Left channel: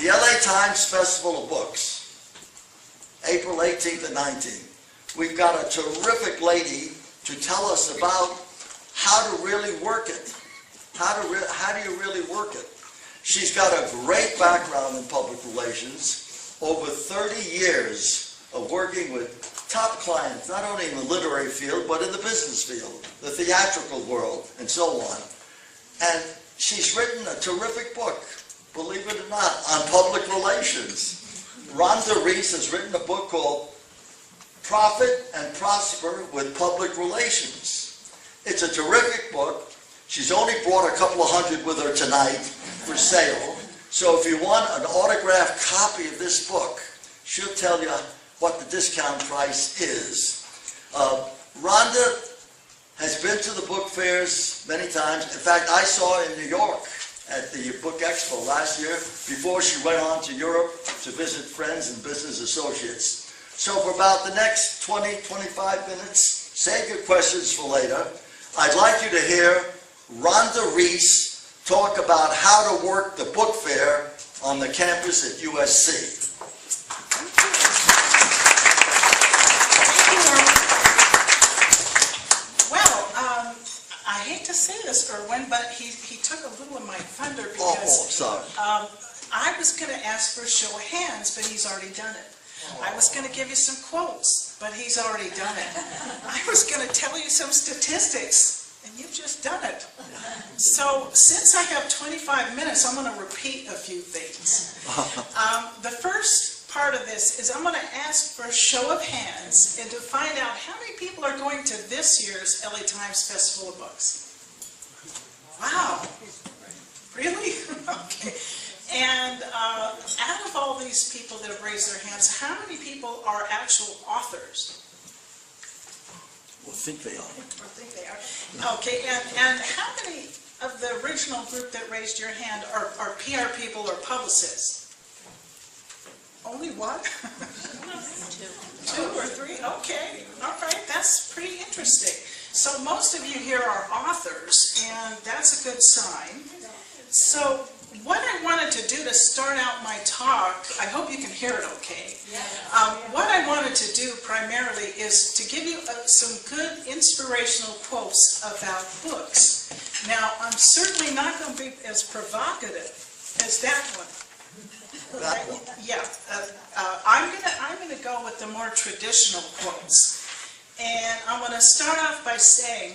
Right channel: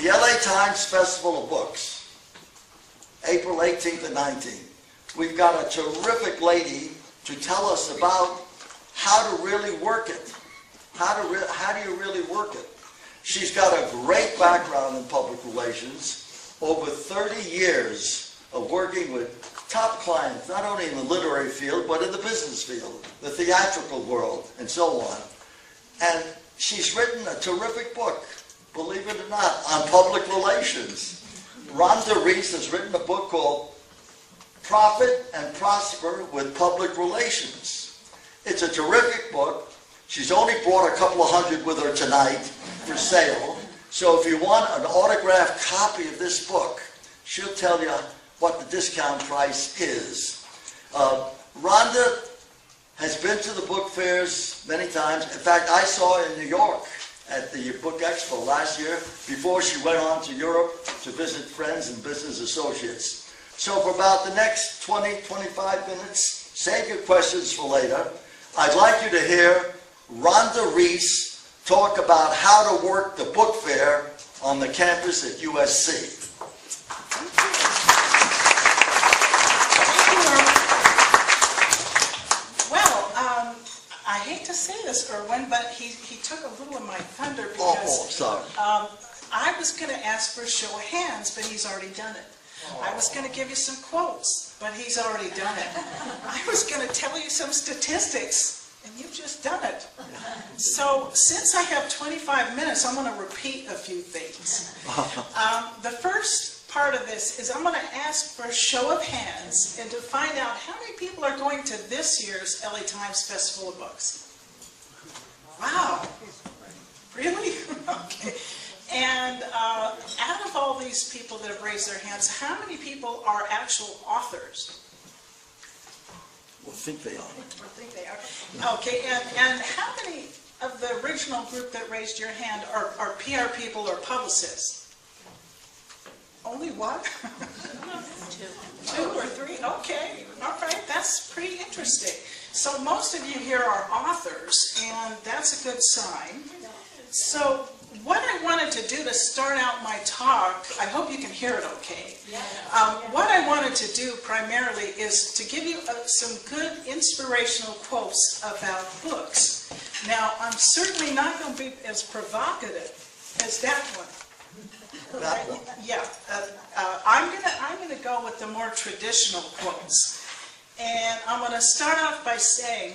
The LA Times Festival of Books, April 18th and 19th. We've got a terrific lady to tell us about how to really work it. How do you really work it? She's got a great background in public relations, over 30 years of working with top clients, not only in the literary field, but in the business field, the theatrical world, and so on. And she's written a terrific book, believe it or not, on public relations. Rhonda Rees has written a book called Profit and Prosper with Public Relations. It's a terrific book. She's only brought a couple of hundred with her tonight for sale. So if you want an autographed copy of this book, she'll tell you what the discount price is. Rhonda has been to the book fairs many times. In fact, I saw her in New York at the Book Expo last year before she went on to Europe to visit friends and business associates. So for about the next 20-25 minutes, save your questions for later. I'd like you to hear Rhonda Rees talk about how to work the book fair on the campus at USC. I hate to say this, Erwin, but he took a little of my thunder because sorry. I was going to ask for a show of hands, but he's already done it. I was going to give you some quotes, but he's already done it. I was going to tell you some statistics, and you've just done it. So since I have 25 minutes, I'm going to repeat a few things. The first part of this is I'm going to ask for a show of hands and to find out how many people are going to this year's LA Times Festival of Books. Wow. Really? Okay. And out of all these people that have raised their hands, how many people are actual authors? Well, I think they are. I think they are. Okay, and how many of the original group that raised your hand are PR people or publicists? Only one? Two or three? Okay, all right, that's pretty interesting. So most of you here are authors, and that's a good sign. So what I wanted to do to start out my talk, I hope you can hear it okay. What I wanted to do primarily is to give you some good inspirational quotes about books. Now, I'm certainly not going to be as provocative as that one. Yeah, I'm gonna go with the more traditional quotes, and I'm gonna start off by saying,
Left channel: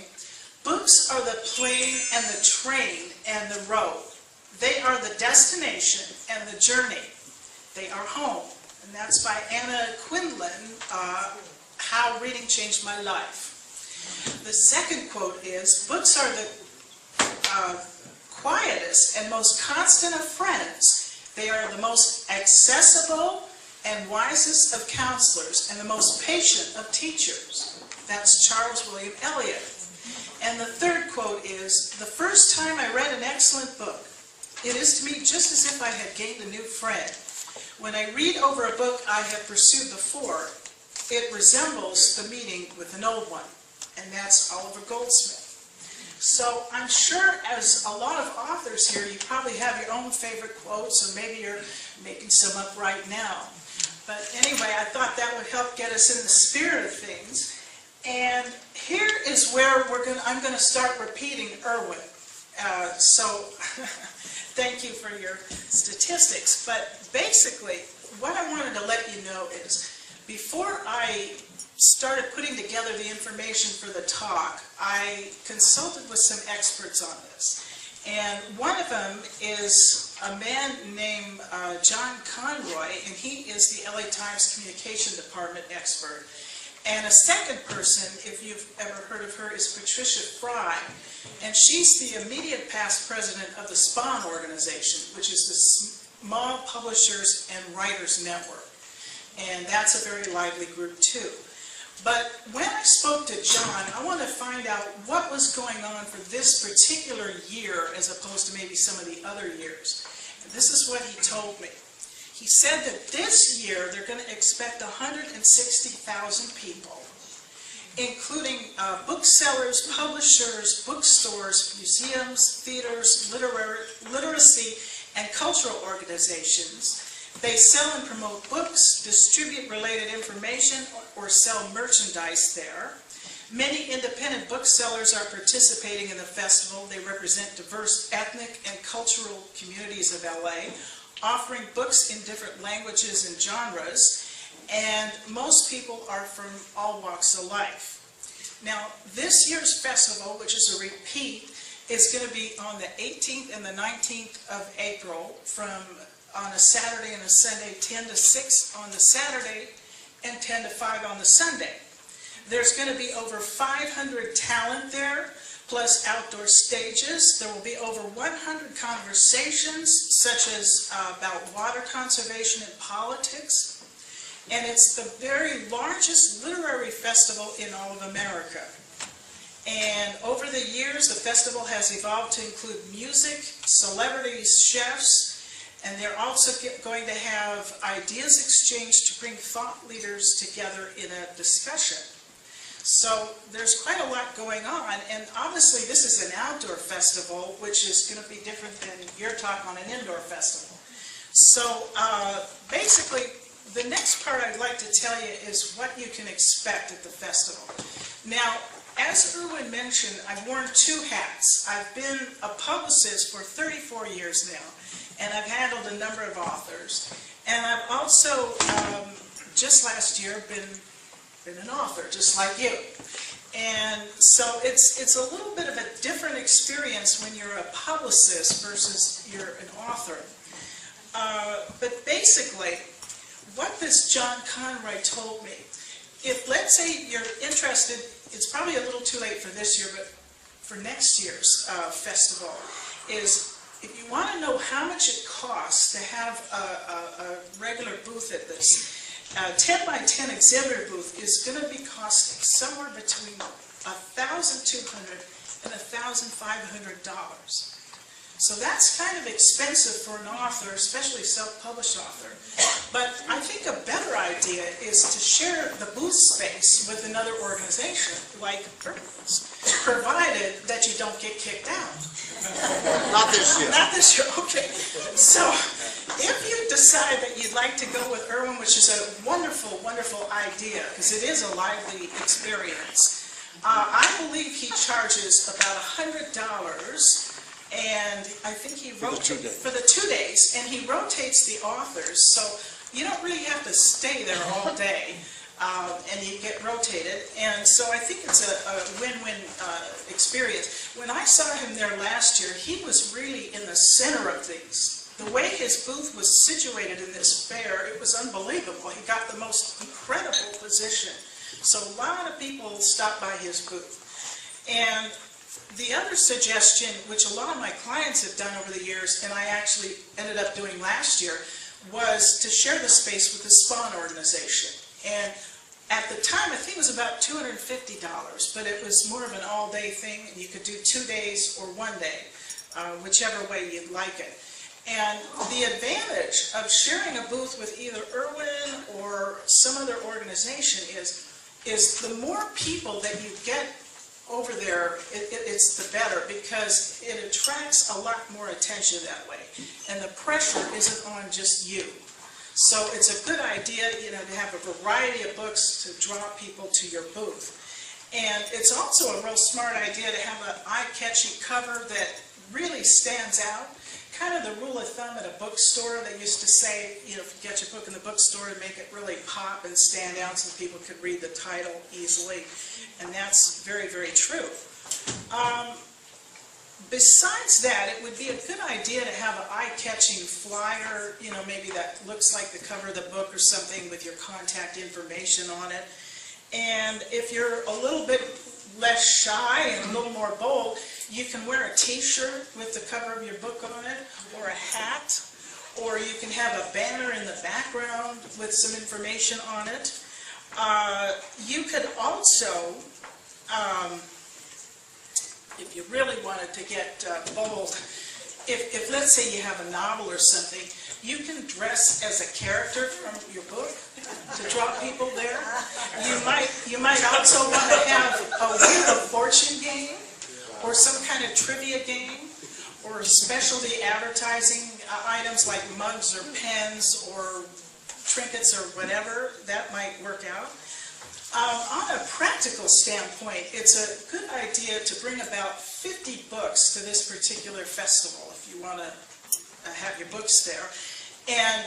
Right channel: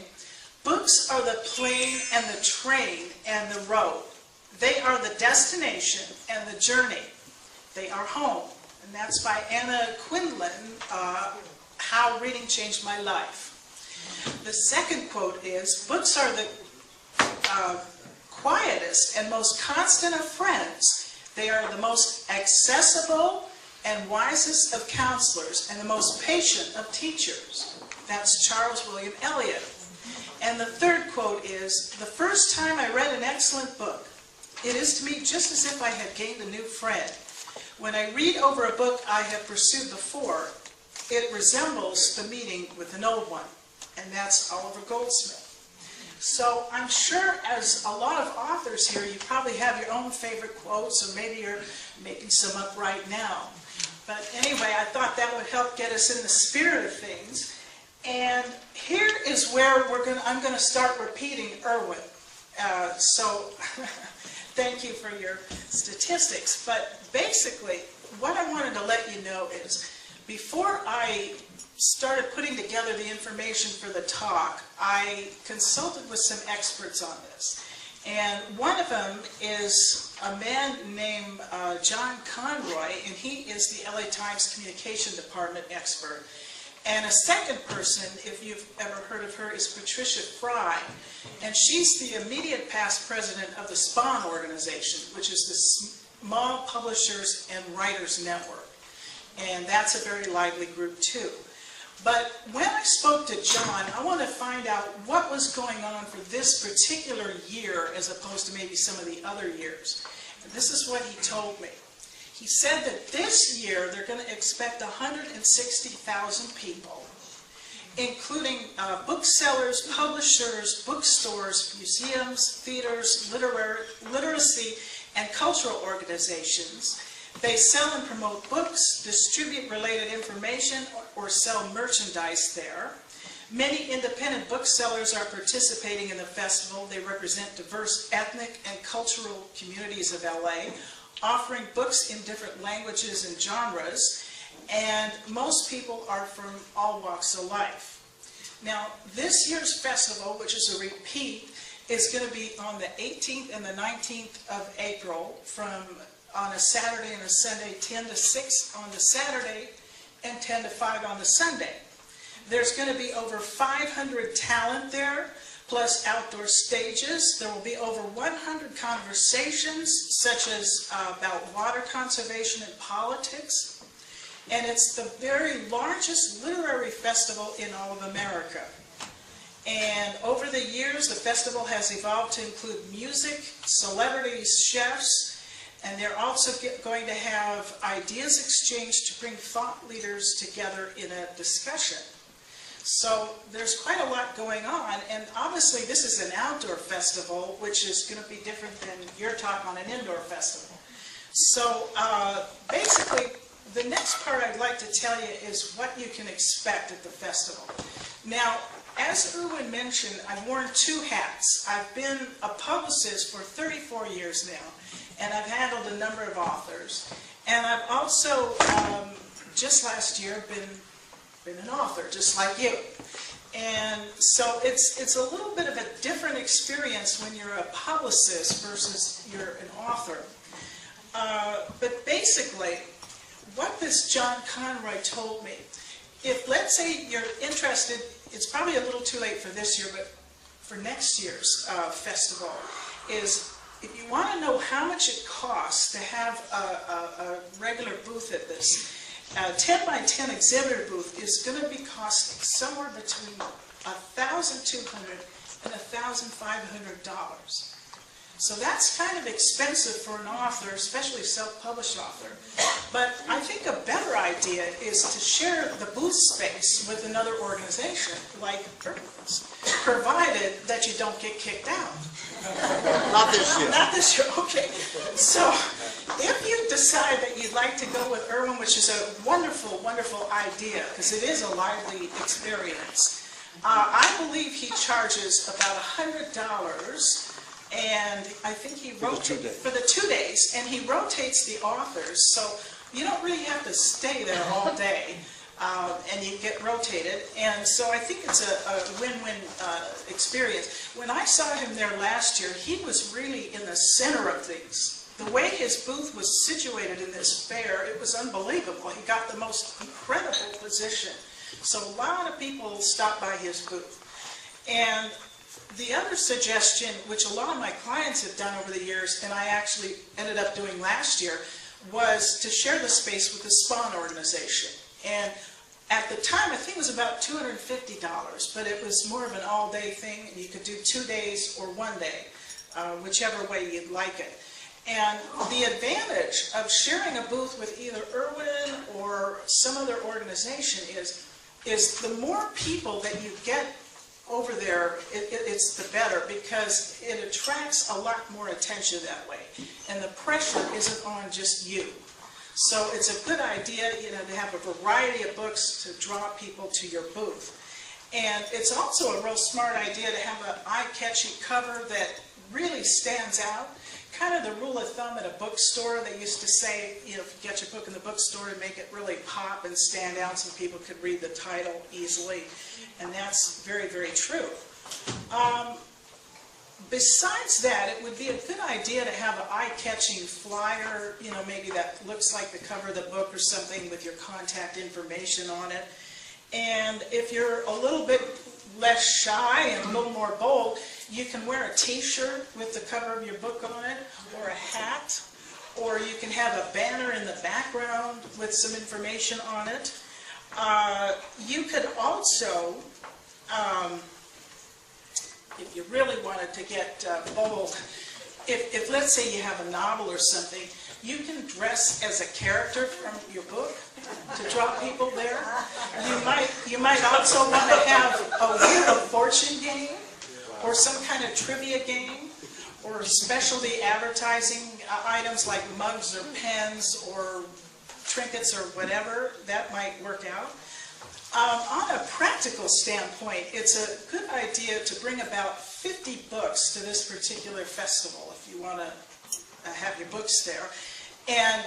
books are the plane and the train and the road. They are the destination and the journey. They are home, and that's by Anna Quindlen. How Reading Changed My Life. The second quote is, books are the quietest and most constant of friends. They are the most accessible and wisest of counselors and the most patient of teachers. That's Charles William Eliot. And the third quote is, the first time I read an excellent book, it is to me just as if I had gained a new friend. When I read over a book I have pursued before, it resembles the meeting with an old one. And that's Oliver Goldsmith. So I'm sure as a lot of authors here, you probably have your own favorite quotes, or maybe you're making some up right now. But anyway, I thought that would help get us in the spirit of things. And here is where I'm going to start repeating Erwin. So thank you for your statistics. But basically, what I wanted to let you know is, before I started putting together the information for the talk, I consulted with some experts on this. And one of them is a man named John Conroy, and he is the LA Times Communication Department expert. And a second person, if you've ever heard of her, is Patricia Fry. And she's the immediate past president of the SPAWN organization, which is the Small Publishers and Writers Network. And that's a very lively group too. But when I spoke to John, I wanted to find out what was going on for this particular year as opposed to maybe some of the other years. And this is what he told me. He said that this year they're going to expect 160,000 people, including booksellers, publishers, bookstores, museums, theaters, literacy, and cultural organizations. They sell and promote books, distribute related information, or sell merchandise there. Many independent booksellers are participating in the festival. They represent diverse ethnic and cultural communities of LA, offering books in different languages and genres, and most people are from all walks of life. Now, this year's festival, which is a repeat, is going to be on the 18th and the 19th of April on a Saturday and a Sunday, 10 to 6 on the Saturday and 10 to 5 on the Sunday. There's going to be over 500 talent there, plus outdoor stages. There will be over 100 conversations, such as about water conservation and politics. And it's the very largest literary festival in all of America. And over the years, the festival has evolved to include music, celebrities, chefs, and they're also going to have ideas exchanged to bring thought leaders together in a discussion. So there's quite a lot going on, and obviously this is an outdoor festival, which is going to be different than your talk on an indoor festival. So basically, the next part I'd like to tell you is what you can expect at the festival. Now, as Erwin mentioned, I've worn two hats. I've been a publicist for 34 years now, and I've handled a number of authors. And I've also, just last year, been an author, just like you. And so it's a little bit of a different experience when you're a publicist versus you're an author. But basically, what this John Conroy told me, if let's say you're interested, it's probably a little too late for this year, but for next year's festival, is if you want to know how much it costs to have a regular booth at this, 10 by 10 exhibitor booth is going to be costing somewhere between $1,200 and $1,500. So that's kind of expensive for an author, especially self-published author. But I think a better idea is to share the booth space with another organization, like Urban's, provided that you don't get kicked out. Not this year. Not this year, okay. So if you decide that you'd like to go with Erwin, which is a wonderful, wonderful idea, because it is a lively experience, I believe he charges about $100, and I think he rotates for the 2 days, and he rotates the authors, so you don't really have to stay there all day, and you get rotated, and so I think it's a win-win experience. When I saw him there last year, he was really in the center of things. The way his booth was situated in this fair, it was unbelievable. He got the most incredible position. So a lot of people stopped by his booth. And the other suggestion, which a lot of my clients have done over the years, and I actually ended up doing last year, was to share the space with the Spawn organization. And at the time, I think it was about $250, but it was more of an all-day thing, and you could do 2 days or 1 day, whichever way you'd like it. And the advantage of sharing a booth with either Erwin or some other organization is the more people that you get over there, it's the better, because it attracts a lot more attention that way. And the pressure isn't on just you. So it's a good idea, to have a variety of books to draw people to your booth. And it's also a real smart idea to have an eye-catching cover that really stands out. Kind of the rule of thumb at a bookstore, they used to say, if you get your book in the bookstore, to make it really pop and stand out so people could read the title easily. And that's very, very true. Besides that, it would be a good idea to have an eye-catching flyer, maybe that looks like the cover of the book or something with your contact information on it. And if you're a little bit less shy and a little more bold, you can wear a t-shirt with the cover of your book on it, or a hat, or you can have a banner in the background with some information on it. You could also, if you really wanted to get bold, if let's say you have a novel or something, you can dress as a character from your book to draw people there. You might also want to have a Wheel of Fortune game, or some kind of trivia game, or specialty advertising items like mugs or pens or trinkets or whatever, that might work out. On a practical standpoint, it's a good idea to bring about 50 books to this particular festival if you want to have your books there. And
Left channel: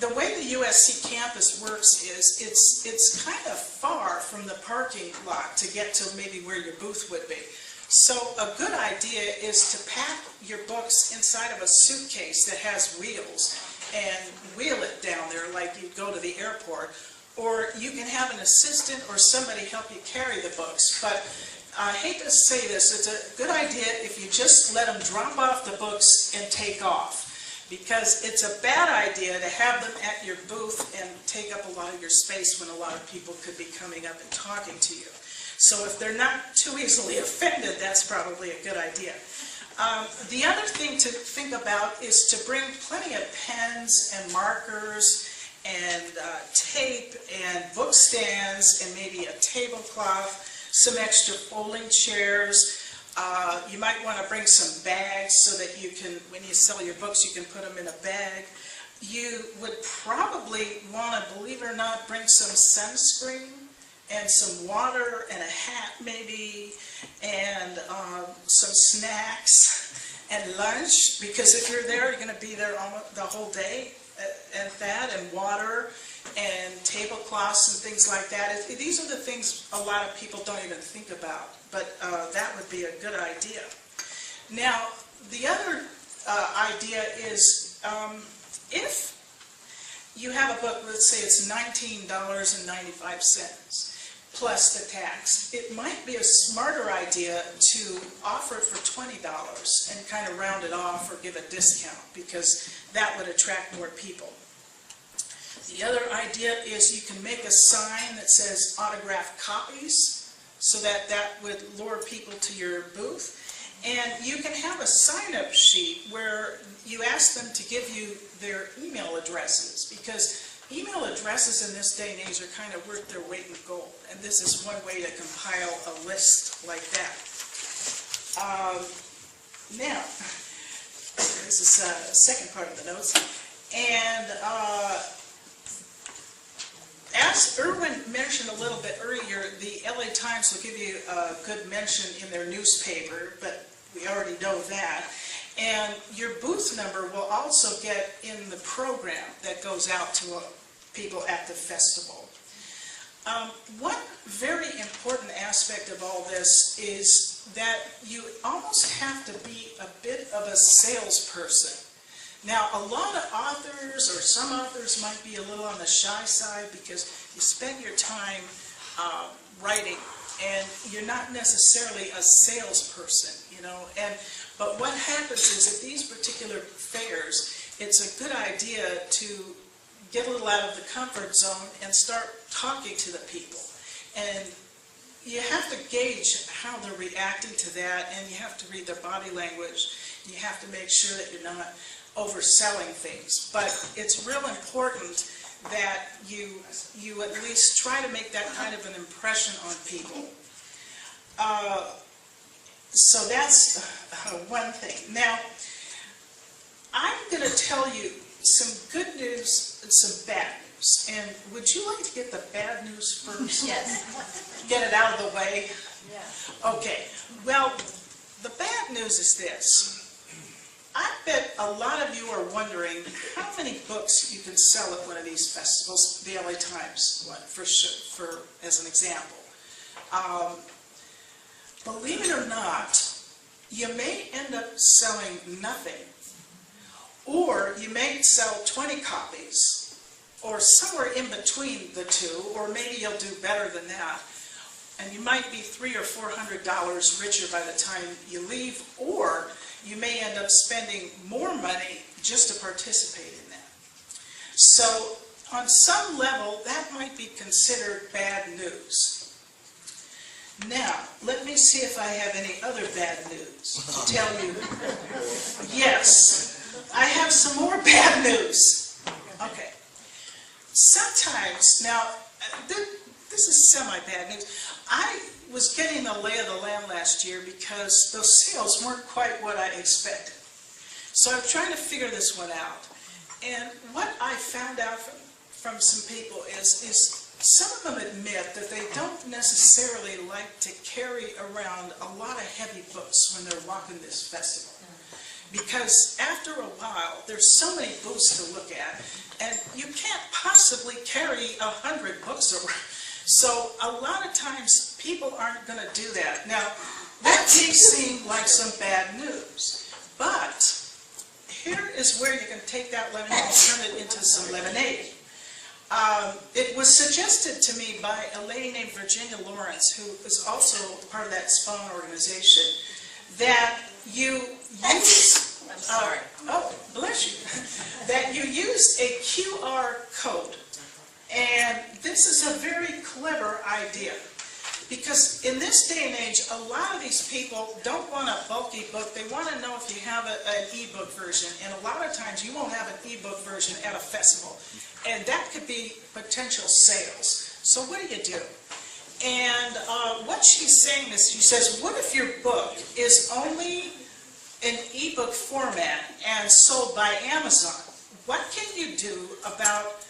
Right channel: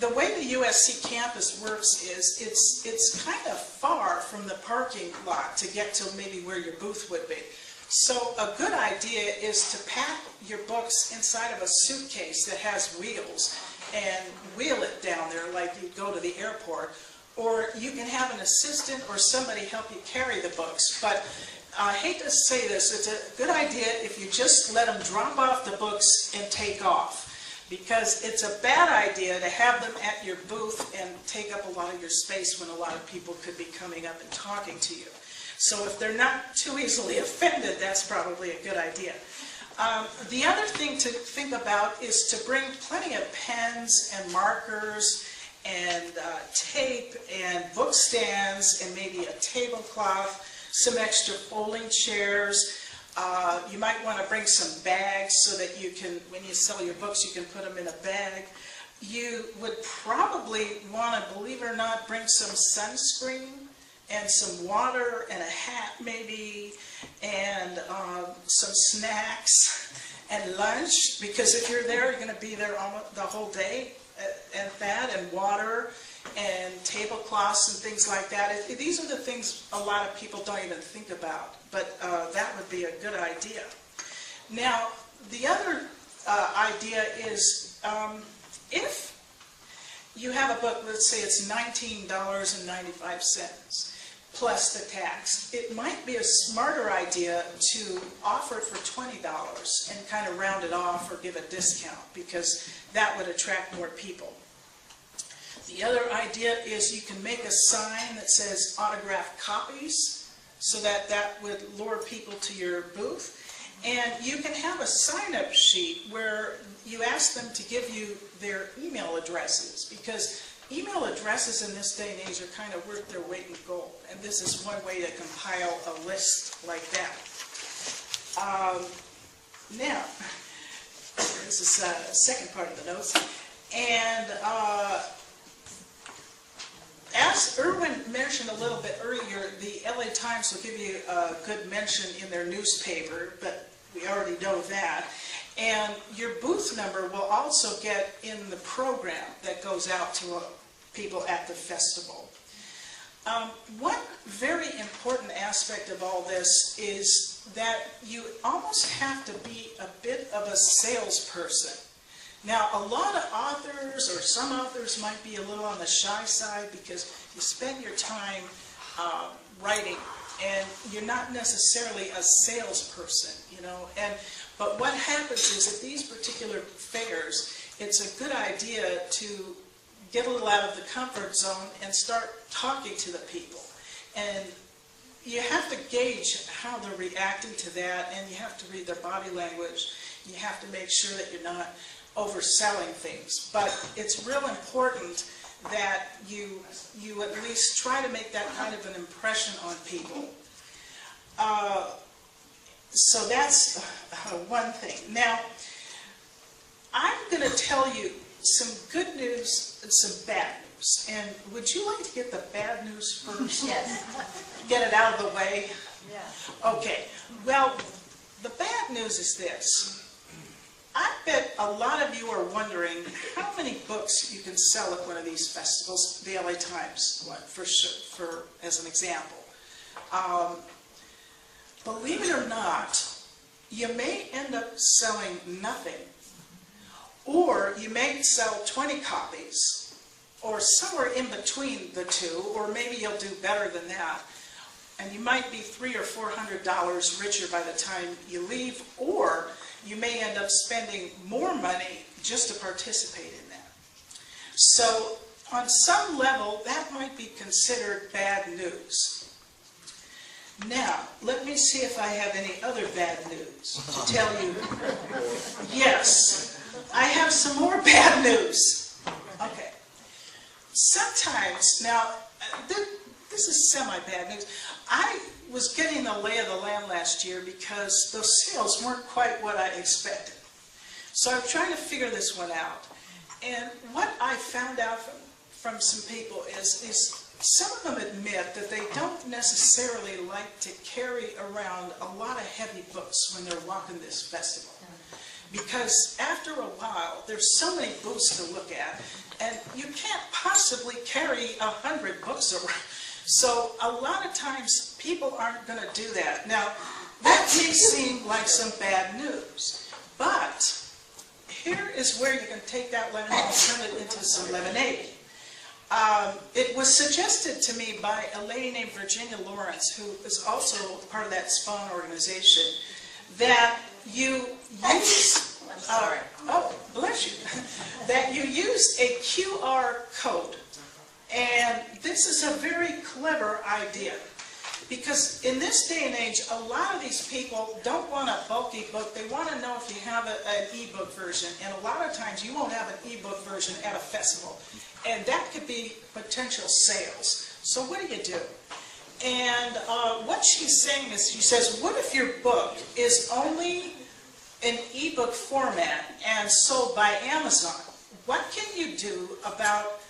the way the USC campus works is it's kind of far from the parking lot to get to maybe where your booth would be. So a good idea is to pack your books inside of a suitcase that has wheels and wheel it down there like you'd go to the airport. Or you can have an assistant or somebody help you carry the books. But I hate to say this, it's a good idea if you just let them drop off the books and take off. Because it's a bad idea to have them at your booth and take up a lot of your space when a lot of people could be coming up and talking to you. So if they're not too easily offended, that's probably a good idea. The other thing to think about is to bring plenty of pens and markers and tape and book stands and maybe a tablecloth, some extra folding chairs. You might want to bring some bags so that you can, when you sell your books, you can put them in a bag. You would probably want to, believe it or not, bring some sunscreen and some water and a hat maybe, and some snacks and lunch, because if you're there, you're going to be there almost the whole day. And that, and water, and tablecloths, and things like that. These are the things a lot of people don't even think about, but that would be a good idea. Now, the other idea is if you have a book, let's say it's $19.95 plus the tax, it might be a smarter idea to offer it for $20 and kind of round it off or give a discount, because that would attract more people. The other idea is you can make a sign that says autographed copies, so that that would lure people to your booth. And you can have a sign-up sheet where you ask them to give you their email addresses, because email addresses in this day and age are kind of worth their weight in gold, and this is one way to compile a list like that. Now, this is the second part of the notes, and as Irwin mentioned a little bit earlier, the LA Times will give you a good mention in their newspaper, but we already know that. And your booth number will also get in the program that goes out to people at the festival. One very important aspect of all this is that you almost have to be a bit of a salesperson. Now, a lot of authors, or some authors, might be a little on the shy side because you spend your time writing, and you're not necessarily a salesperson, you know. But what happens is at these particular fairs, it's a good idea to get a little out of the comfort zone and start talking to the people. And you have to gauge how they're reacting to that, and you have to read their body language. You have to make sure that you're not overselling things. But it's real important that you at least try to make that kind of an impression on people. So that's one thing. Now, I'm going to tell you some good news and some bad news. And would you like to get the bad news first? Yes. Get it out of the way? Yeah. Okay. Well, the bad news is this. I bet a lot of you are wondering how many books you can sell at one of these festivals, the LA Times one, as an example. Believe it or not, you may end up selling nothing, or you may sell 20 copies, or somewhere in between the two, or maybe you'll do better than that, and you might be $300 or $400 richer by the time you leave, or you may end up spending more money just to participate in that. So, on some level, that might be considered bad news. Now, let me see if I have any other bad news to tell you. Yes, I have some more bad news. Okay. Sometimes, now, this is semi-bad news. I was getting the lay of the land last year because those sales weren't quite what I expected. So I was trying to figure this one out. And what I found out from some people is some of them admit that they don't necessarily like to carry around a lot of heavy books when they're walking this festival. Because after a while, there's so many booths to look at, and you can't possibly carry 100 books around. So a lot of times, people aren't going to do that. Now, that may seem like some bad news, but here is where you can take that lemon and turn it into some lemonade. It was suggested to me by a lady named Virginia Lawrence, who is also part of that Spawn organization, that you use, oh, bless you, that you use a QR code. And this is a very clever idea, because in this day and age, a lot of these people don't want a bulky book. They want to know if you have an e-book version, and a lot of times you won't have an e-book version at a festival, and that could be potential sales. So what do? And what she's saying is, she says, what if your book is only in e-book format and sold by Amazon? What can you do about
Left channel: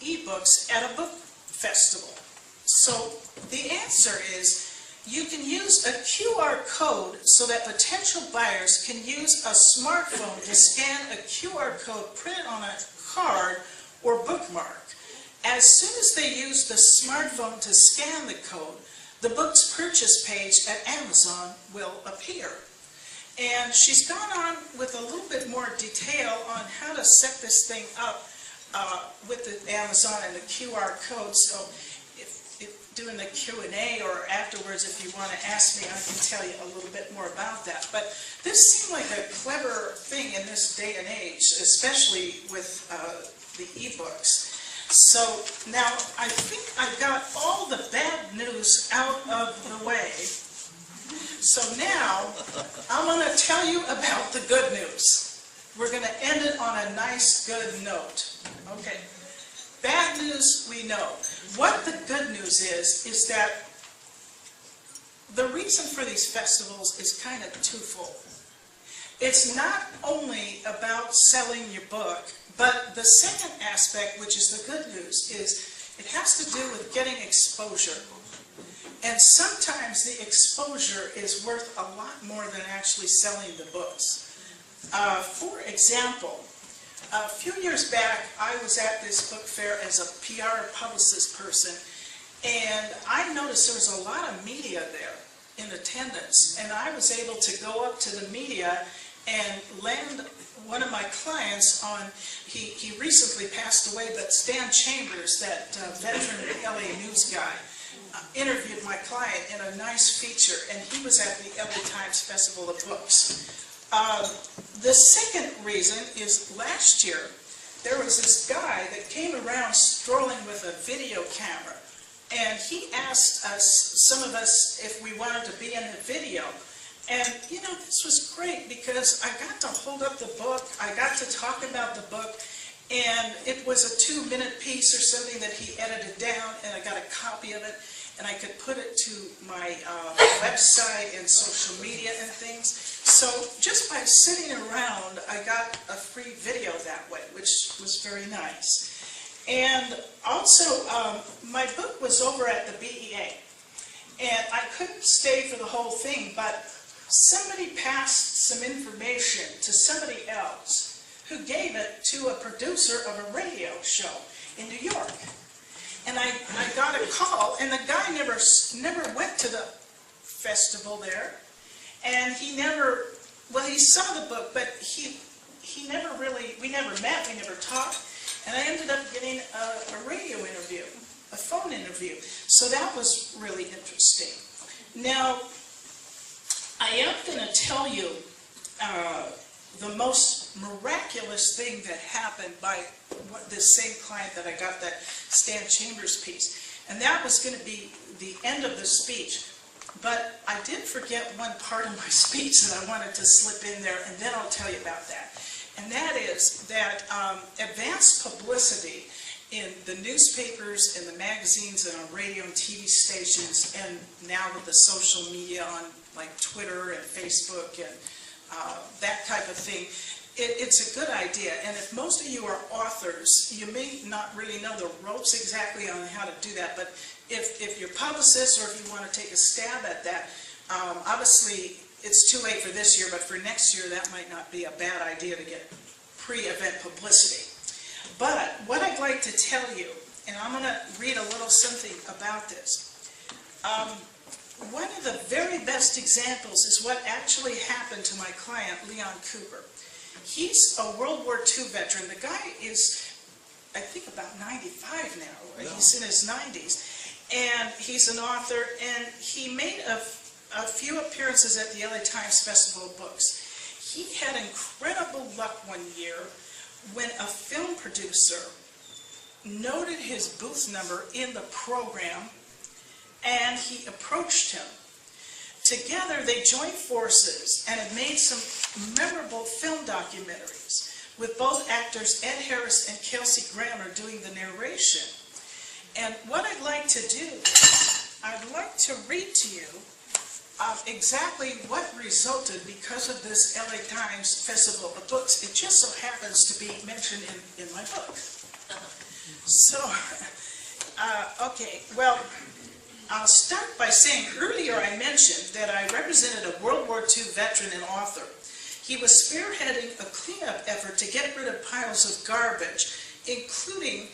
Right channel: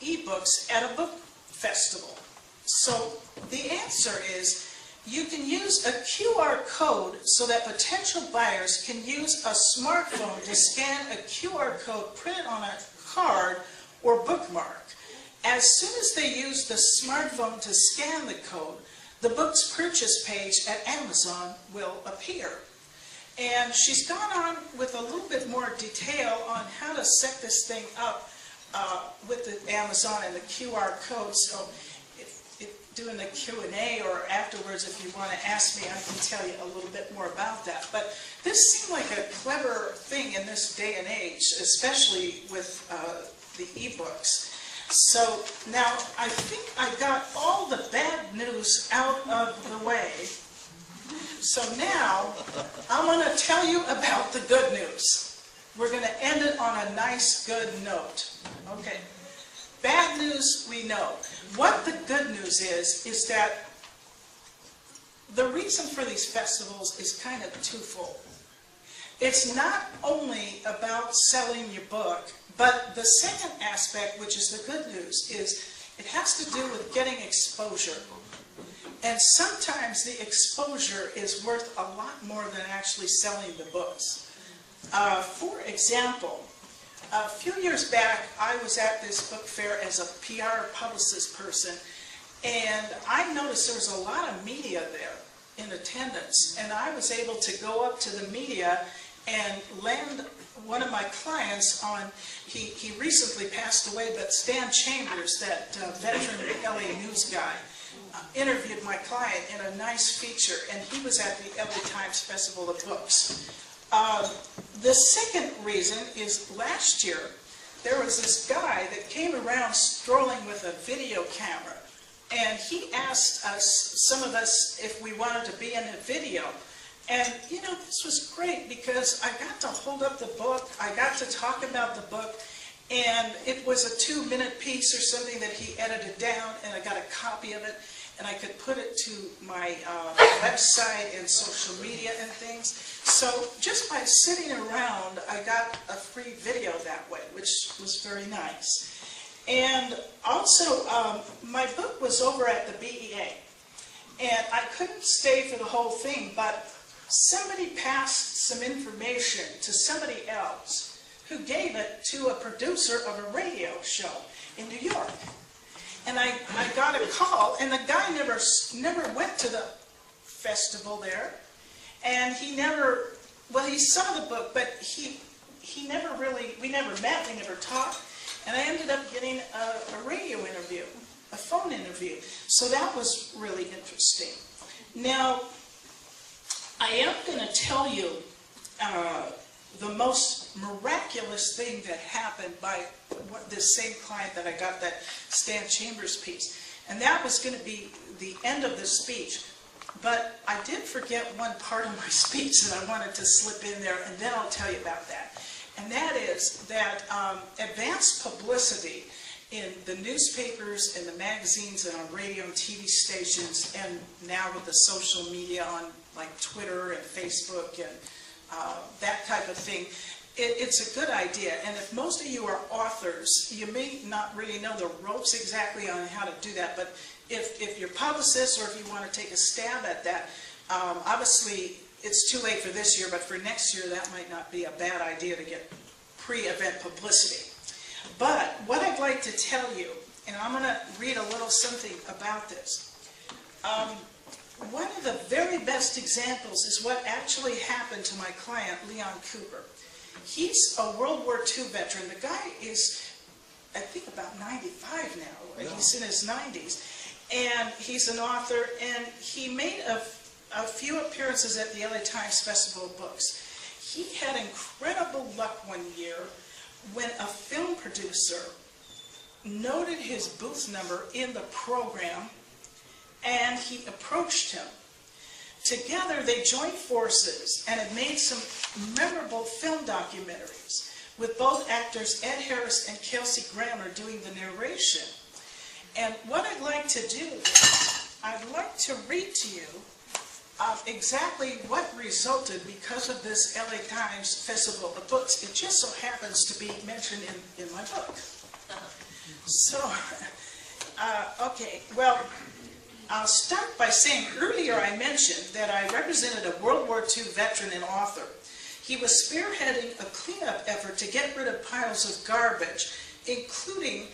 e-books at a book festival? So the answer is, you can use a QR code so that potential buyers can use a smartphone to scan a QR code printed on a card or bookmark. As soon as they use the smartphone to scan the code, the book's purchase page at Amazon will appear. And she's gone on with a little bit more detail on how to set this thing up with the Amazon and the QR code. So if doing the Q&A or afterwards, if you want to ask me, I can tell you a little bit more about that. But this seemed like a clever thing in this day and age, especially with the e-books. So now I think I got all the bad news out of the way. So now I'm going to tell you about the good news. We're going to end it on a nice, good note. Okay. Bad news, we know. What the good news is that the reason for these festivals is kind of twofold. It's not only about selling your book, but the second aspect, which is the good news, is it has to do with getting exposure. And sometimes the exposure is worth a lot more than actually selling the books. For example, a few years back, I was at this book fair as a PR publicist person, and I noticed there was a lot of media there in attendance, and I was able to go up to the media and land one of my clients on, he recently passed away, but Stan Chambers, that veteran LA news guy, interviewed my client in a nice feature, and he was at the LA Times Festival of Books. The second reason is last year, there was this guy that came around strolling with a video camera, and he asked us, some of us, if we wanted to be in a video. And, you know, this was great because I got to hold up the book, I got to talk about the book, and it was a 2-minute piece or something that he edited down, and I got a copy of it, and I could put it to my website and social media and things. So just by sitting around, I got a free video that way, which was very nice. And also, my book was over at the BEA, and I couldn't stay for the whole thing, but somebody passed some information to somebody else who gave it to a producer of a radio show in New York. And I got a call, and the guy never went to the festival there, and he never, well, he saw the book, but he never really, we never met, we never talked, and I ended up getting a radio interview, a phone interview. So that was really interesting. Now, I am going to tell you the most miraculous thing that happened by this same client that I got that Stan Chambers piece. And that was going to be the end of the speech. But I did forget one part of my speech that I wanted to slip in there, and then I'll tell you about that. And that is that advanced publicity in the newspapers and the magazines and on radio and TV stations, and now with the social media on like Twitter and Facebook and that type of thing, It's a good idea, and if most of you are authors, you may not really know the ropes exactly on how to do that, but if you're publicists or if you want to take a stab at that, obviously it's too late for this year, but for next year that might not be a bad idea to get pre-event publicity. But what I'd like to tell you, and I'm going to read a little something about this. One of the very best examples is what actually happened to my client, Leon Cooper. He's a World War II veteran. The guy is, I think, about 95 now. Yeah. He's in his 90s. And he's an author, and he made a few appearances at the LA Times Festival of Books. He had incredible luck one year when a film producer noted his booth number in the program, and he approached him. Together they joined forces and have made some memorable film documentaries with both actors Ed Harris and Kelsey Grammer doing the narration. And what I'd like to do is I'd like to read to you exactly what resulted because of this LA Times Festival of Books. It just so happens to be mentioned in my book. So, okay, well, I'll start by saying earlier I mentioned that I represented a World War II veteran and author. He was spearheading a cleanup effort to get rid of piles of garbage, including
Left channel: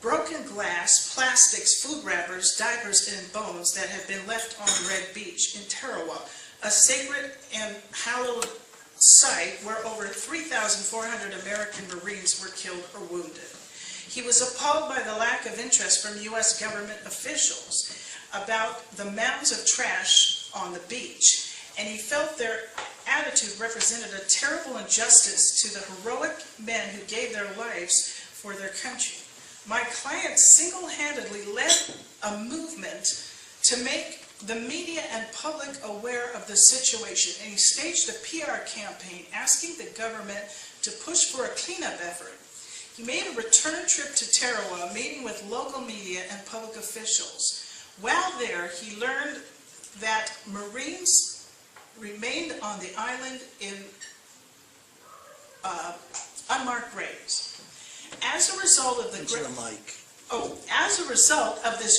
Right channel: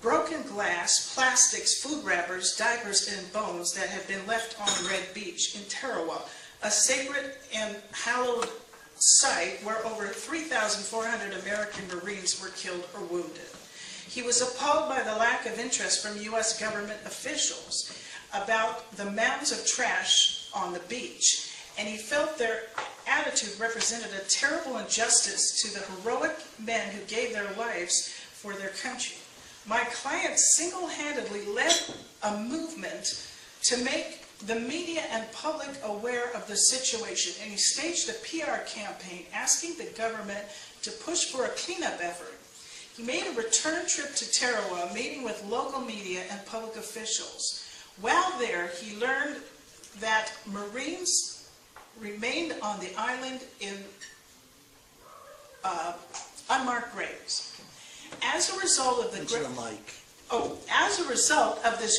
broken glass, plastics, food wrappers, diapers, and bones that have been left on Red Beach in Tarawa, a sacred and hallowed site where over 3,400 American Marines were killed or wounded. He was appalled by the lack of interest from U.S. government officials about the mounds of trash on the beach, and he felt their attitude represented a terrible injustice to the heroic men who gave their lives for their country. My client single-handedly led a movement to make the media and public aware of the situation, and he staged a PR campaign asking the government to push for a cleanup effort. He made a return trip to Tarawa, meeting with local media and public officials. While there, he learned that Marines remained on the island in unmarked graves. As a result of this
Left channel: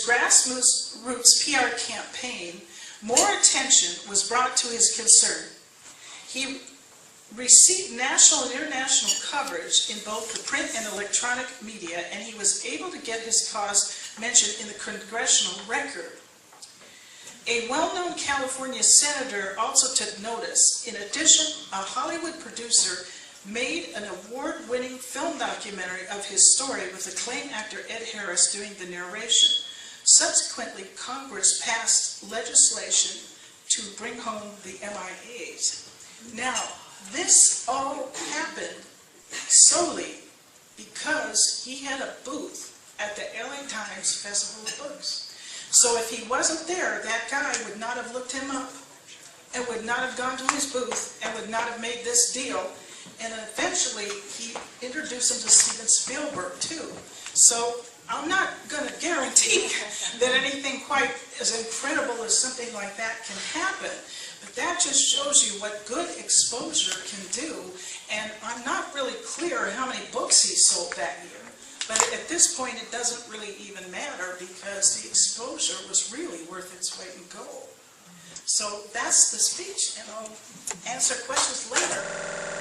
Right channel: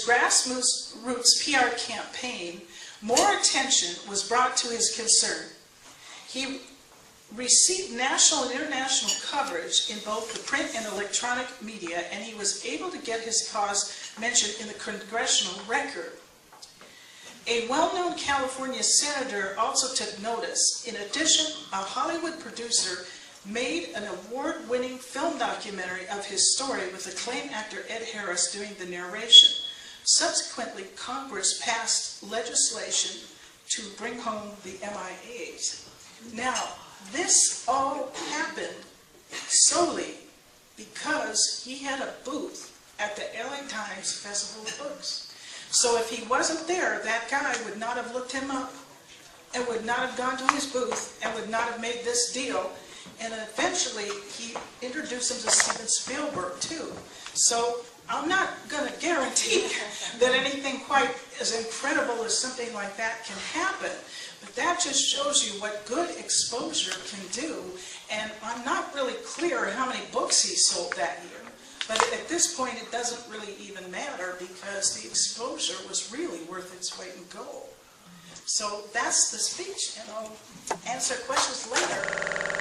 grassroots PR campaign, more attention was brought to his concern. He received national and international coverage in both the print and electronic media, and he was able to get his cause mentioned in the Congressional Record. A well-known California senator also took notice. In addition, a Hollywood producer made an award-winning film documentary of his story with acclaimed actor Ed Harris doing the narration. Subsequently, Congress passed legislation to bring home the MIAs. Now, this all happened solely because he had a booth at the LA Times Festival of Books. So if he wasn't there, that guy would not have looked him up and would not have gone to his booth and would not have made this deal. And eventually, he introduced him to Steven Spielberg, too. So I'm not going to guarantee that anything quite as incredible as something like that can happen. But that just shows you what good exposure can do. And I'm not really clear how many books he sold that year. But at this point, it doesn't really even matter because the exposure was really worth its weight in gold. So that's the speech, and I'll answer questions later.